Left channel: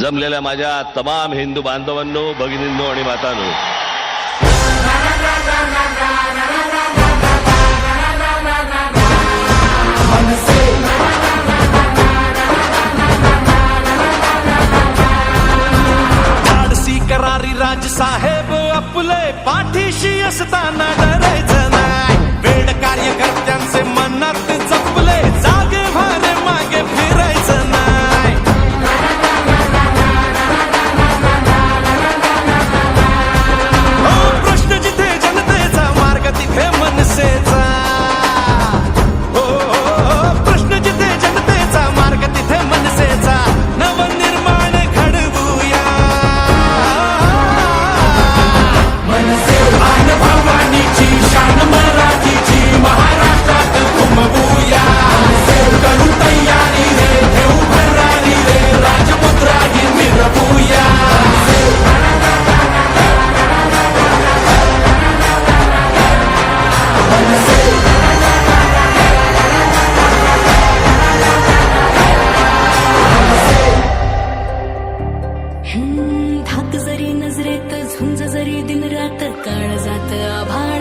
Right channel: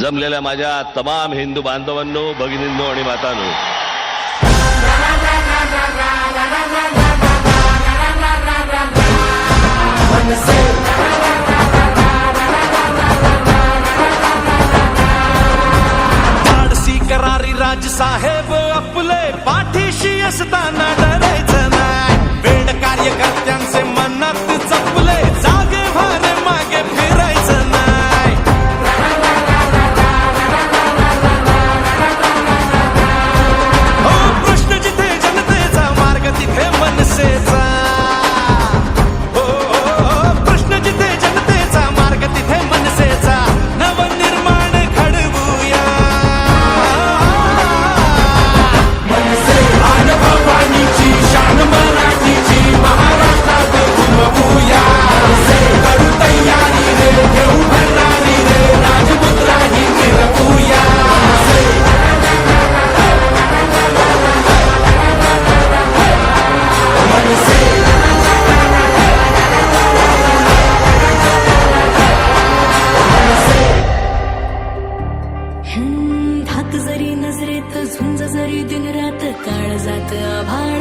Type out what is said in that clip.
जमलेल्या माझ्या तमाम हिंदू बांधवांनो, भगिनींनो आणि मातांनो, धाडसी करारी राज साहेब आपले पाठीशी असताना डरायचं नाही. वेड कार्यकर्त्यांचे मनात जपले, जागे भारे मागे फिरायचं नाही. हो प्रश्न जिथे जनतेचा, मार्ग तिथे मनसेचा. हो प्रश्न जिथे जनतेचा, मार्ग तिथे मनसेचा. नवनिर्माण घडवूया, भवानीची शान मराठीची महाराष्ट्रात घुमवूया. करू तयारी रे, घेऊ भरारी रे, राजपुत्राही मिरवूया. धाक जरी नजरेत, झुंज जरी दिन रात, काळ जात आभाळ